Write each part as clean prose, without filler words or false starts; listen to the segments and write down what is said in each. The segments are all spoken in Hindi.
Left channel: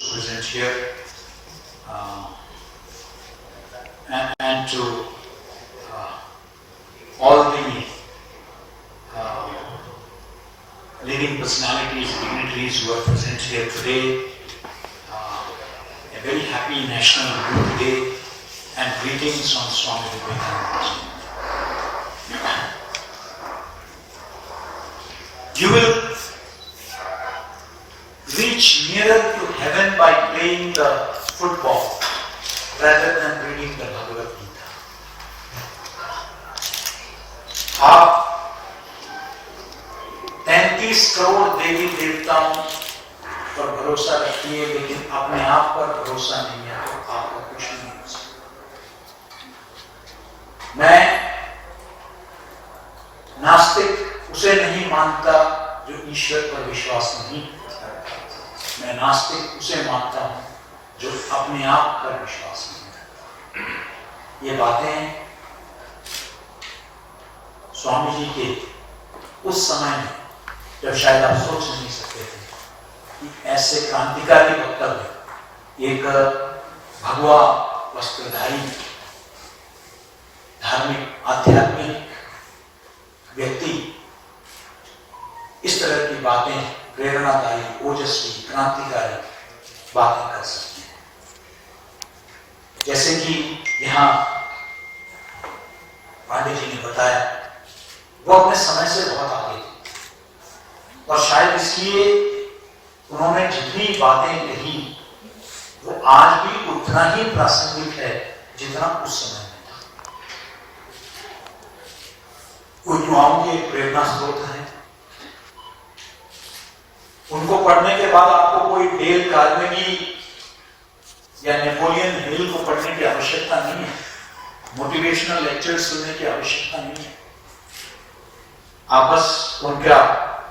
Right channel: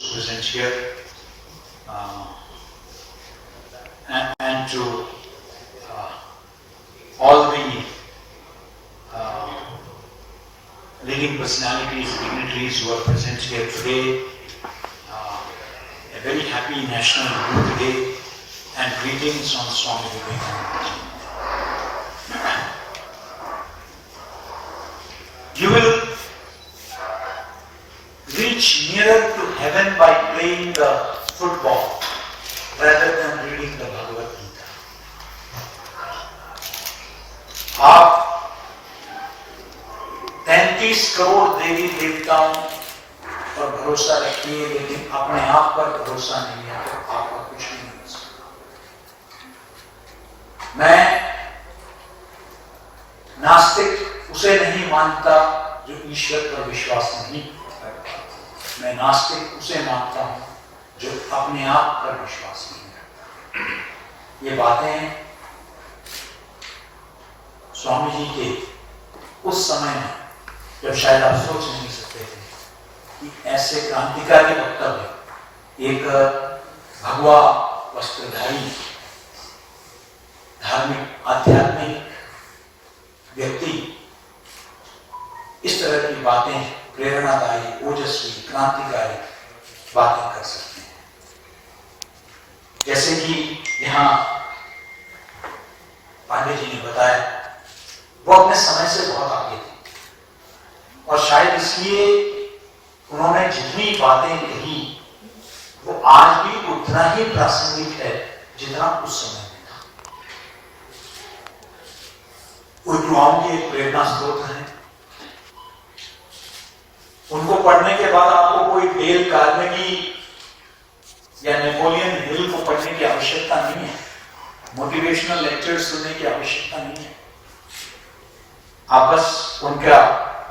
present here and to all the leading personalities, dignitaries who are present here today. A very happy National Youth Day and greetings on Swami Vivekananda. You will reach nearer to heaven by playing the football rather than reading the Bhagavad Gita. आप 33 करोड़ देवी देवताओं पर भरोसा रखिए, लेकिन अपने आप पर भरोसा नहीं है तो आपका कुछ नहीं हो सकता। मैं नास्तिक उसे नहीं मानता जो ईश्वर पर विश्वास नहीं करता। मैं नास्तिक उसे मानता हूं जो अपने आप पर विश्वास नहीं करता। ये बातें स्वामी जी के उस समय में जब शायद आप सोच नहीं सकते थे कि ऐसे क्रांतिकारी वक्तव्य एक भगवा वस्त्रधारी धार्मिक आध्यात्मिक व्यक्ति इस तरह की बातें, प्रेरणादायी, ओजस्वी, क्रांतिकारी बातें कर सकते हैं। जैसे कि यहाँ पांडे जी ने बताया, वो अपने समय से बहुत आगे थे और शायद इसलिए उन्होंने जितनी बातें कही वो आज भी उतना ही प्रासंगिक है जितना उस समय में था। वो युवाओं के प्रेरणा स्रोत हैं। उनको पढ़ने के बाद आपको कोई डेल कार्नेगी या नेपोलियन हिल को पढ़ने की आवश्यकता नहीं है, मोटिवेशनल लेक्चर सुनने की आवश्यकता नहीं है। आप बस उनका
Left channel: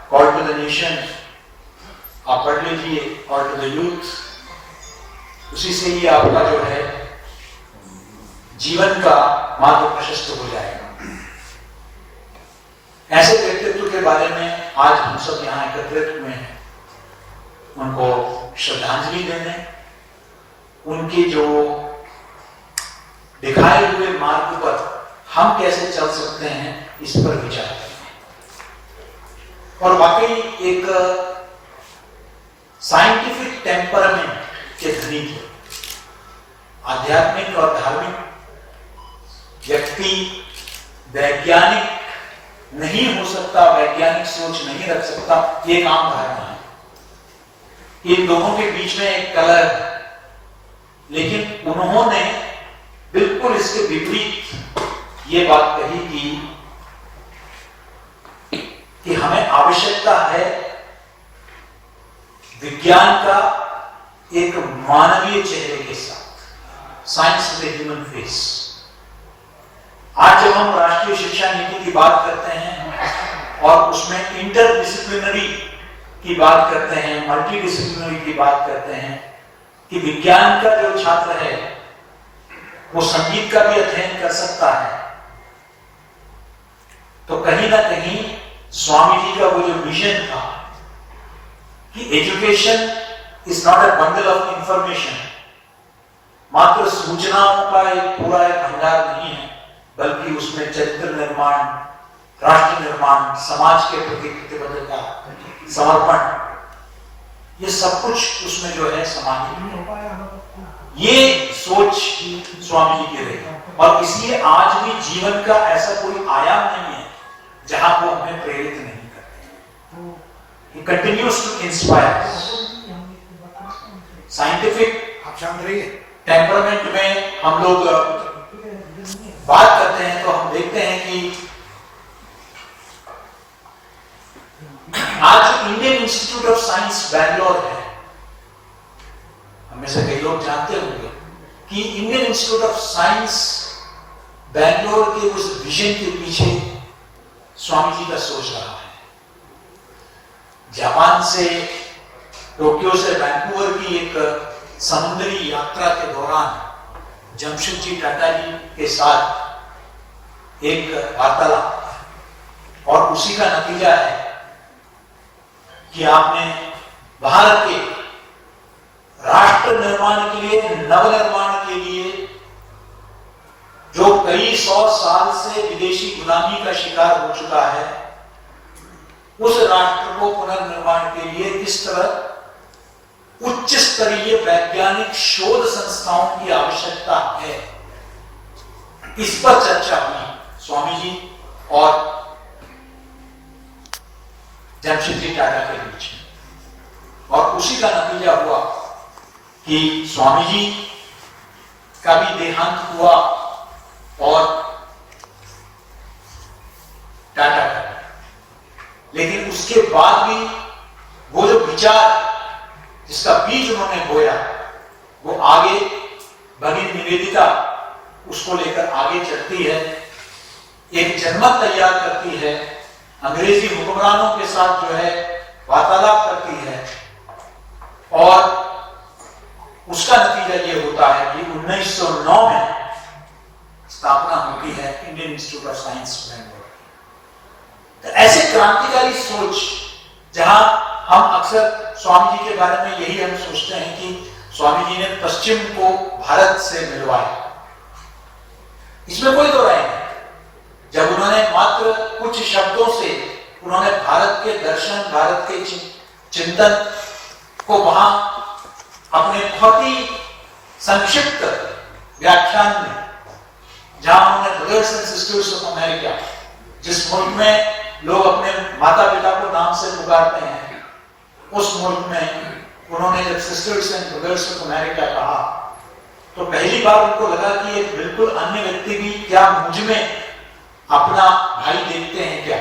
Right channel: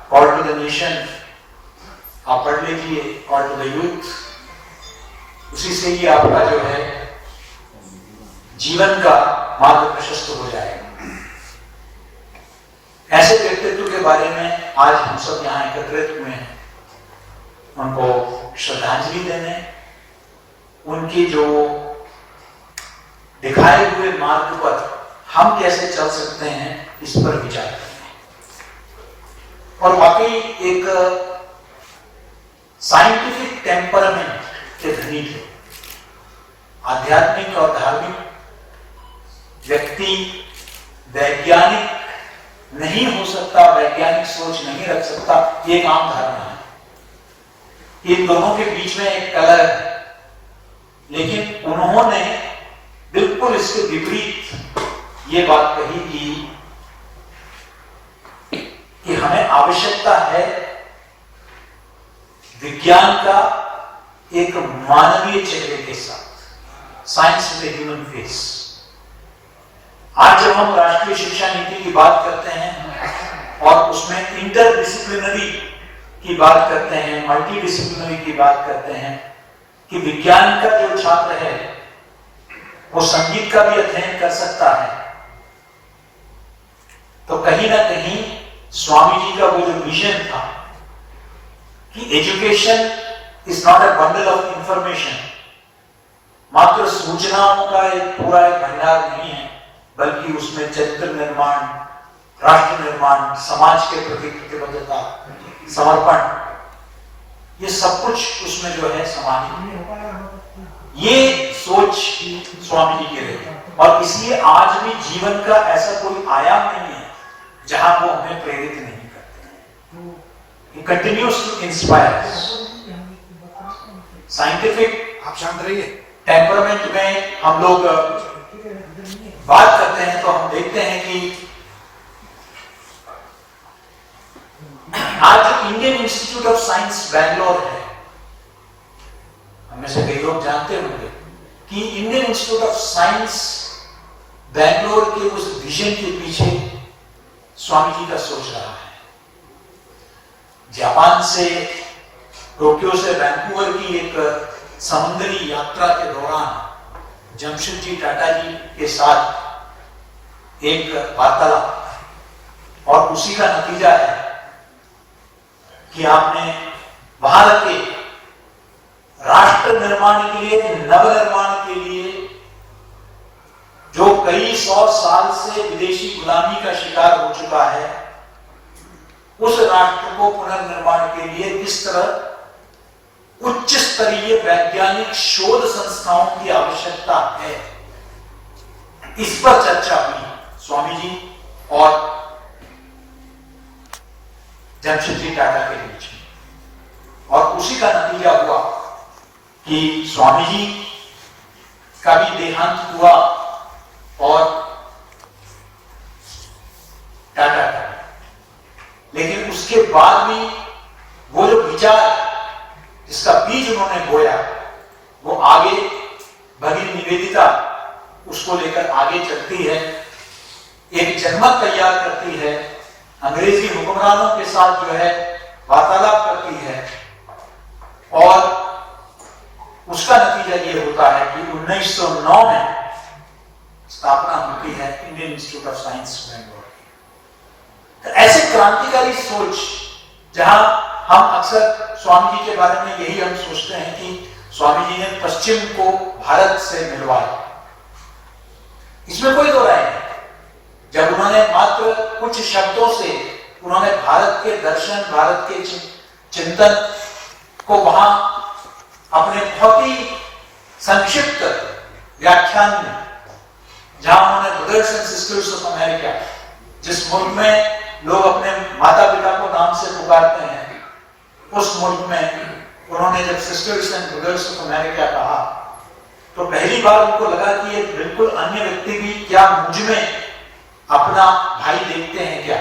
कॉल टू द नेशन आप पढ़ लीजिए, कॉल टू द यूथ, उसी से ही आपका जो है जीवन का मार्ग प्रशस्त हो जाएगा। ऐसे व्यक्तित्व के बारे में आज हम सब यहाँ एकत्रित हुए हैं, उनको श्रद्धांजलि देने, उनकी जो दिखाए हुए मार्ग पर हम कैसे चल सकते हैं इस पर विचार करें। और वाकई एक साइंटिफिक टेम्परामेंट के धनी थे। आध्यात्मिक और धार्मिक व्यक्ति वैज्ञानिक नहीं हो सकता, वैज्ञानिक सोच नहीं रख सकता, ये एक आम धारणा है। इन दोनों के बीच में एक कलह है, लेकिन उन्होंने बिल्कुल इसके विपरीत ये बात कही कि हमें आवश्यकता है विज्ञान का एक मानवीय चेहरे के साथ, साइंस विद ह्यूमन फेस। आज जब हम राष्ट्रीय शिक्षा नीति की बात करते हैं और उसमें इंटरडिसिप्लिनरी की बात करते हैं, मल्टी डिसिप्लिनरी की बात करते हैं कि विज्ञान का जो छात्र है वो संगीत का भी अध्ययन कर सकता है, तो कहीं ना कहीं स्वामी जी का वो जो विजन था कि education is not a bundle of information, मात्र सूचनाओं का एक पूरा भंडार नहीं है, बल्कि उसमें चरित्र निर्माण, राष्ट्र निर्माण, समाज के प्रति प्रतिबद्धता, समर्पण, ये सब कुछ उसमें जो है समाहित। ये सोच स्वामी जी की रही और इसलिए आज भी जीवन का ऐसा कोई आयाम नहीं है जहां वो हमें प्रेरित नहीं करते। He continues to inspire us. Scientific आप शांत रहिए टेम्परामेंट में हम लोग बात करते हैं तो हम देखते हैं कि आज Indian institute of science Bangalore है, हमें से कई लोग जानते होंगे कि Indian institute of science Bangalore के उस विजन के पीछे स्वामी जी का सोच रहा है। जापान से, टोक्यो से वैंकूवर की एक समुद्री यात्रा के दौरान जमशेदजी टाटा जी के साथ एक वार्तालाप और उसी का नतीजा है कि आपने भारत के राष्ट्र पुनर्निर्माण के लिए, नवनिर्माण के लिए, जो कई 100 साल से विदेशी गुलामी का शिकार हो चुका है, उस राष्ट्र को पुनर्निर्माण के लिए किस तरह उच्च स्तरीय वैज्ञानिक शोध संस्थाओं की आवश्यकता है, इस पर चर्चा हुई स्वामी जी और जमशेद जी टाटा के बीच में। और उसी का नतीजा हुआ कि स्वामी जी का भी देहांत हुआ और टाटा का। लेकिन उसके बाद भी वो जो विचार जिसका बीज उन्होंने बोया, वो आगे भगिनी निवेदिता उसको लेकर आगे चलती है, एक जनमत तैयार करती है, अंग्रेजी हुक्मरानों के साथ जो है वार्तालाप करती है, और उसका नतीजा ये होता है कि 1909 में स्थापना होती है Indian institute of science Bangalore. तो ऐसे क्रांतिकारी सोच, जहां हम अक्सर स्वामी जी के बारे में यही हम सोचते हैं कि स्वामी जी ने पश्चिम को भारत से मिलवाया, इसमें कोई दो राय नहीं। जब उन्होंने मात्र कुछ शब्दों से उन्होंने भारत के दर्शन, भारत के चिंतन को वहां अपने बहुत ही संक्षिप्त व्याख्यान में, जहां उन्होंने brothers and sisters of America, जिस मुल्क में लोग अपने माता पिता को नाम से पुकारते हैं, उस मुल्क में उन्होंने जब sisters and brothers of America कहा, तो पहली बार उनको लगा कि एक बिल्कुल अन्य व्यक्ति भी क्या मुझ में अपना भाई देखते हैं, क्या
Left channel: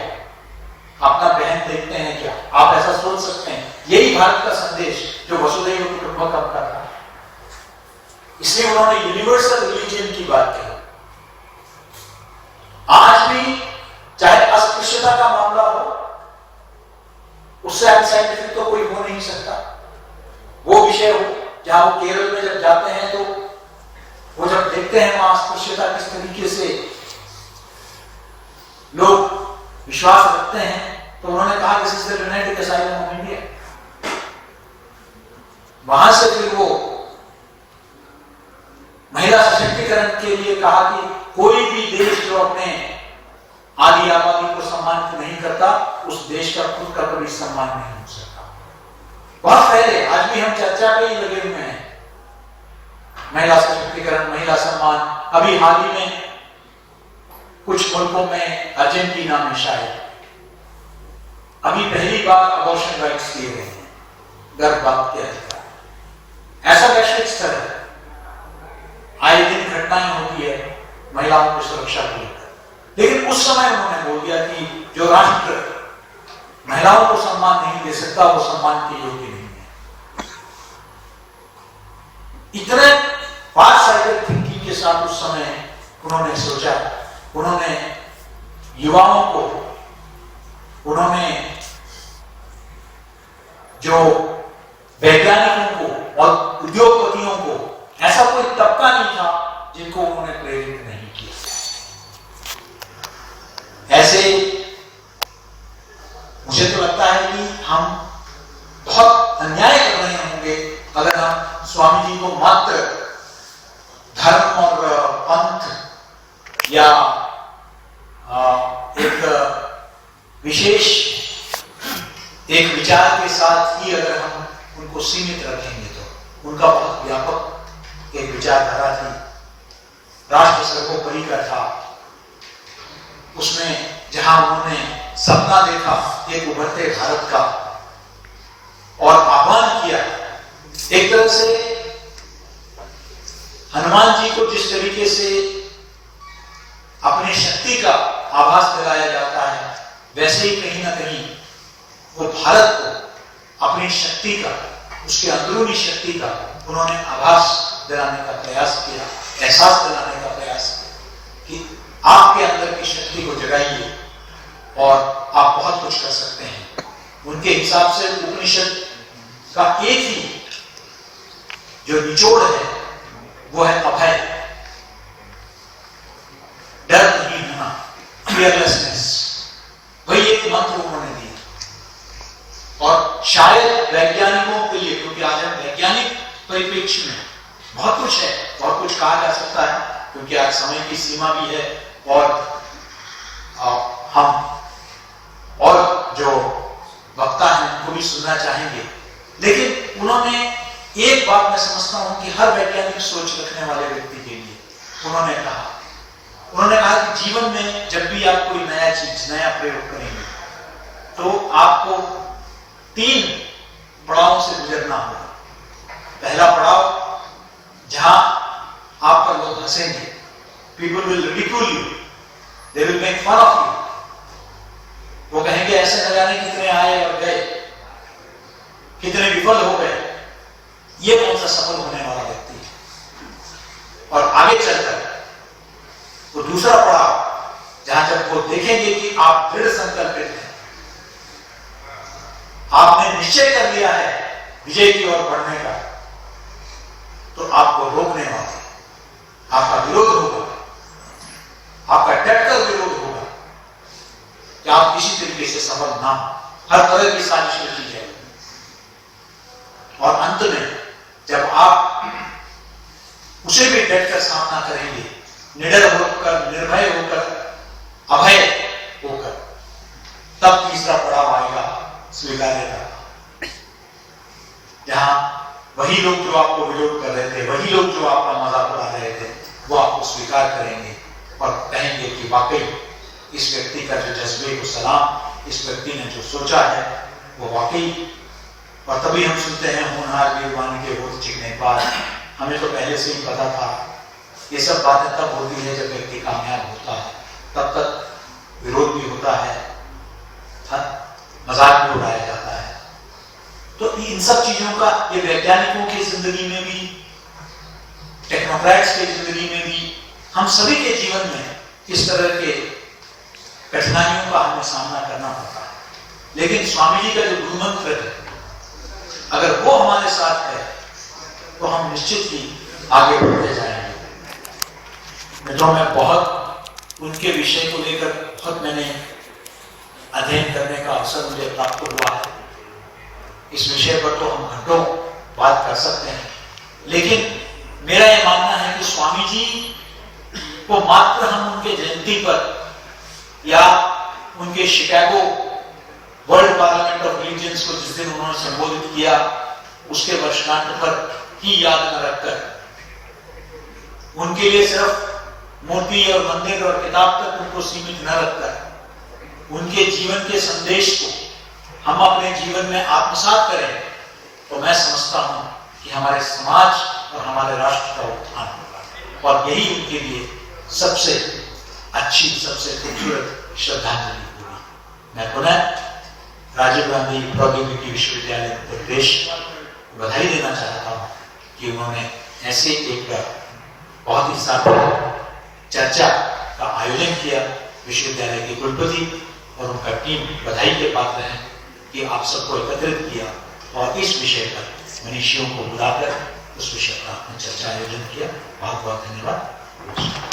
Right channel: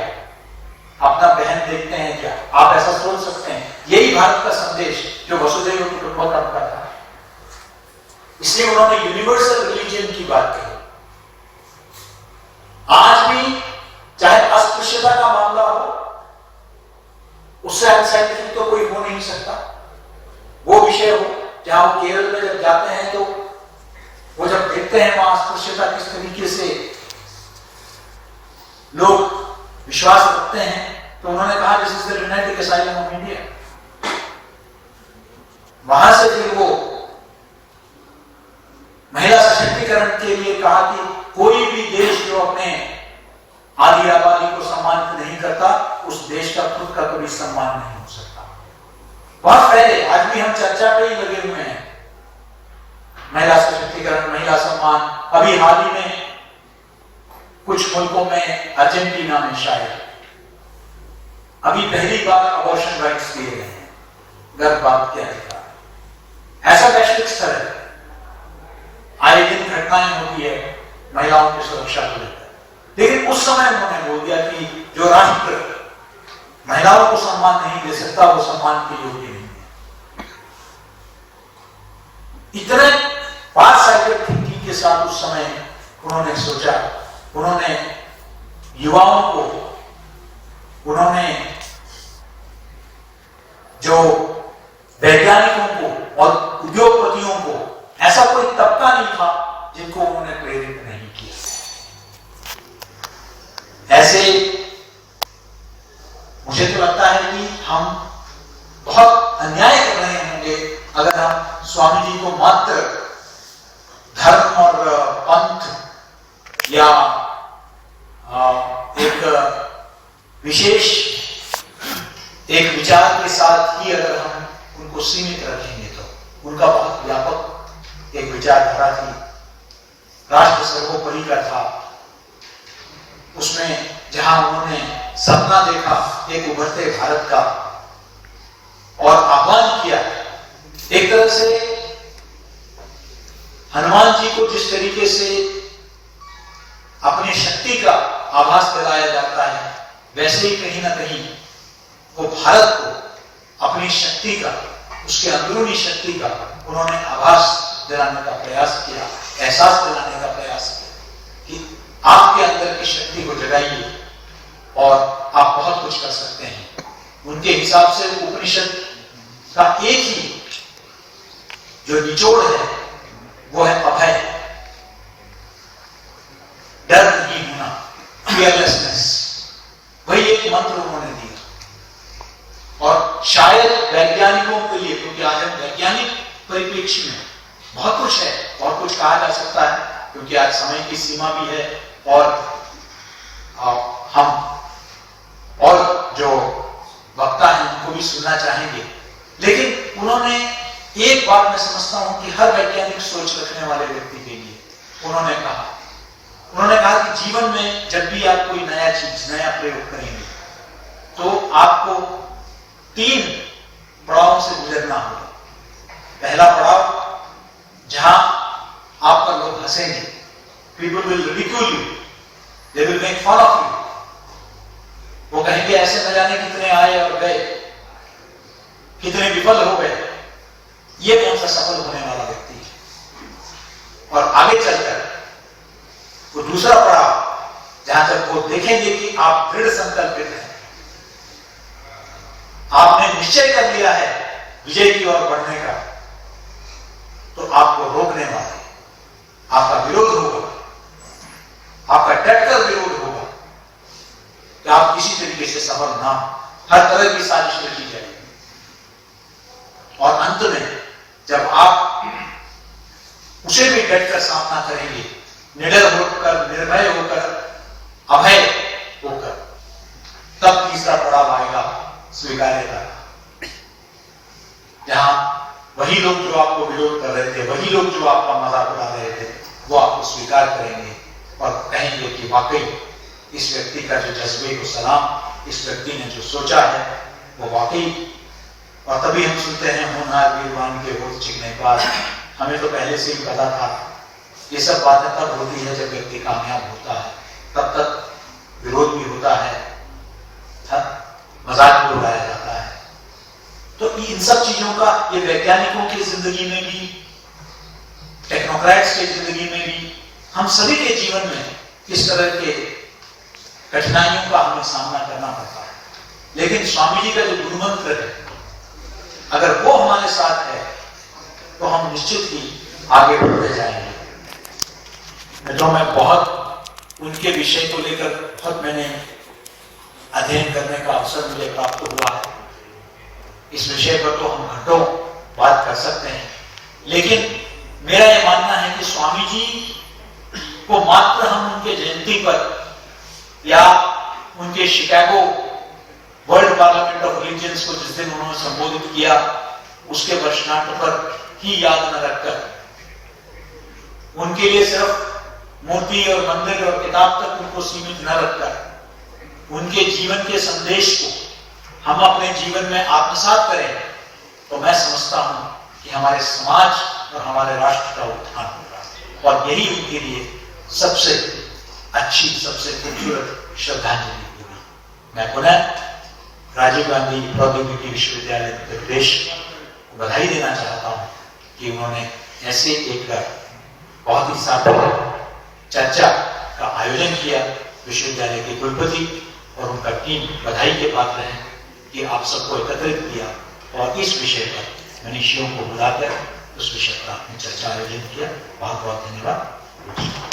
अपना बहन देखते हैं क्या, आप ऐसा सोच सकते हैं। यही भारत का संदेश जो वसुधैव कुटुंबकम का था। इसलिए उन्होंने यूनिवर्सल रिलीजन की बात कही। आज भी चाहे अस्पृश्यता का मामला हो, उससे अनसाइंटिफिक तो कोई हो नहीं सकता। वो विषय हो जहां वो केरल में जब जाते हैं तो वो जब देखते हैं वहां अस्पृश्यता किस तरीके से लोग विश्वास रखते हैं, तो उन्होंने कहा this is the United asylum of India. वहां से फिर वो महिला सशक्तिकरण के लिए कहा कि कोई भी देश जो अपने आदि आबादी को सम्मानित नहीं करता, उस देश का खुद का कभी सम्मान नहीं हो सकता। बहुत पहले, आज भी हम चर्चा पे ही लगे हुए हैं, महिला सशक्तिकरण, महिला सम्मान। अभी हाल ही में कुछ मुल्कों में, अर्जेंटीना में शायद अभी पहली बार अबॉर्शन राइट्स दिए गए हैं, गर्भपात के अधिकार। ऐसा वैश्विक स्तर है, आए दिन घटनाएं होती है महिलाओं की सुरक्षा को लेकर। लेकिन उस समय उन्होंने बोल दिया कि जो राष्ट्र महिलाओं को सम्मान नहीं दे सकता, वो सम्मान के योग्य नहीं है। इतने फार साइडेड थिंकिंग के साथ उस समय उन्होंने सोचा, उन्होंने युवाओं को, उन्होंने जो वैज्ञानिकों को और उद्योगपतियों को, ऐसा कोई तबका नहीं था जिनको उन्होंने प्रेरित नहीं किया। ऐसे मुझे तो लगता है कि हम बहुत अन्याय कर रहे होंगे अगर हम स्वामी जी को मात्र धर्म और पंथ या एक विशेष एक विचार के साथ ही अगर हम उनको सीमित रखेंगे, तो उनका बहुत व्यापक एक विचारधारा थी, राष्ट्र सर्वोपरि का था। उसमें जहां उन्होंने सपना देखा एक उभरते भारत का और आह्वान किया, एक तरह से हनुमान जी को जिस तरीके से अपनी शक्ति का आभास दिलाया जाता है, वैसे ही कहीं ना कहीं वो भारत को अपनी शक्ति का, उसके अंदरूनी शक्ति का उन्होंने आभास दिलाने का प्रयास किया, एहसास दिलाने का प्रयास किया कि आपके अंदर की शक्ति को जगाइए और आप बहुत कुछ कर सकते हैं। उनके हिसाब से उपनिषद का एक ही जो निचोड़ है वो है अभय, डर नहीं होना, फियरलेसनेस। वही एक मंत्र उन्होंने दिया। और शायद वैज्ञानिकों के लिए, क्योंकि आज हम वैज्ञानिक परिप्रेक्ष्य में बहुत कुछ है, बहुत कुछ कहा जा सकता है, क्योंकि आज समय की सीमा भी है और हम और जो वक्ता हैं उनको भी सुनना चाहेंगे। लेकिन उन्होंने एक बात मैं समझता हूं कि हर वैज्ञानिक सोच रखने वाले व्यक्ति के लिए उन्होंने कहा कि जीवन में जब भी आप कोई नया चीज, नया प्रयोग करेंगे तो आपको 3 पड़ावों से गुजरना होगा। पहला पड़ाव, जहां आप पर लोग हंसेंगे, people will ridicule you, they will make fun of you. वो कहेंगे ऐसे न जाने कितने आए और गए, कितने विफल हो गए, ये कौन सा सफल होने वाला व्यक्ति है। और आगे चलकर वो दूसरा पड़ाव, जहां जब वो देखेंगे कि आप दृढ़ संकल्पित हैं, आपने निश्चय कर लिया है विजय की ओर बढ़ने का, तो आपको रोकने वाले, आपका विरोध होगा, आपका डटकर विरोध होगा कि आप किसी तरीके से सफल ना हो, हर तरह की साजिश रची जाएगी। और अंत में जब आप उसे भी डटकर सामना करेंगे, निडर होकर, निर्भय होकर, अभय होकर, तब तीसरा पड़ाव आएगा स्वीकार्यता, जहां वही लोग जो आपको विरोध कर रहे थे, वही लोग जो आपका मजाक उड़ा रहे थे, वो आपको स्वीकार करेंगे और कहेंगे कि वाकई इस व्यक्ति का जो जज्बे को सलाम, इस व्यक्ति ने जो सोचा है वो वाकई। और तभी हम सुनते हैं होनहार वीरवान के होठ चिकने पार। हमें तो पहले से ही पता था। ये सब बातें तब होती है जब व्यक्ति कामयाब होता है, तब तक विरोध भी होता है, मजाक भी उड़ाया जाता है। तो इन सब चीजों का ये वैज्ञानिकों की जिंदगी में भी, टेक्नोक्रेट्स की जिंदगी में भी, हम सभी के जीवन में इस तरह के कठिनाइयों का हमें सामना करना पड़ता है। लेकिन स्वामी जी का जो गुरु मंत्र है, अगर वो हमारे साथ है तो हम निश्चित ही आगे बढ़ते जाएंगे। मित्रों, मैं बहुत उनके विषय को लेकर बहुत मैंने अध्ययन करने का अवसर मुझे प्राप्त हुआ है। इस विषय पर तो हम घंटों बात कर सकते हैं, लेकिन मेरा यह मानना है कि स्वामी जी को मात्र हम उनके जयंती पर या उनके Chicago world parliament of religions को जिस दिन उन्होंने संबोधित किया उसके वर्षगांठ पर ही याद न रखकर, उनके लिए सिर्फ मूर्ति और मंदिर और किताब तक उनको सीमित न रखकर, उनके जीवन के संदेश को हम अपने जीवन में आत्मसात करें, तो मैं समझता हूं कि हमारे समाज और हमारे राष्ट्र का उत्थान होगा। और यही उनके लिए सबसे अच्छी, सबसे खूबसूरत श्रद्धांजलि होगी। मैं पुनः राजीव गांधी प्रौद्योगिकी विश्वविद्यालय उत्तर प्रदेश को बधाई देना चाहता हूं कि उन्होंने ऐसे एक बहुत ही सार्थक चर्चा का आयोजन किया। विश्वविद्यालय के कुलपति और उनका टीम बधाई के पात्र हैं कि आप सबको एकत्रित किया और इस विषय पर मनीषियों को बुलाकर उस विषय पर आपने चर्चा आयोजन किया। बहुत बहुत धन्यवाद।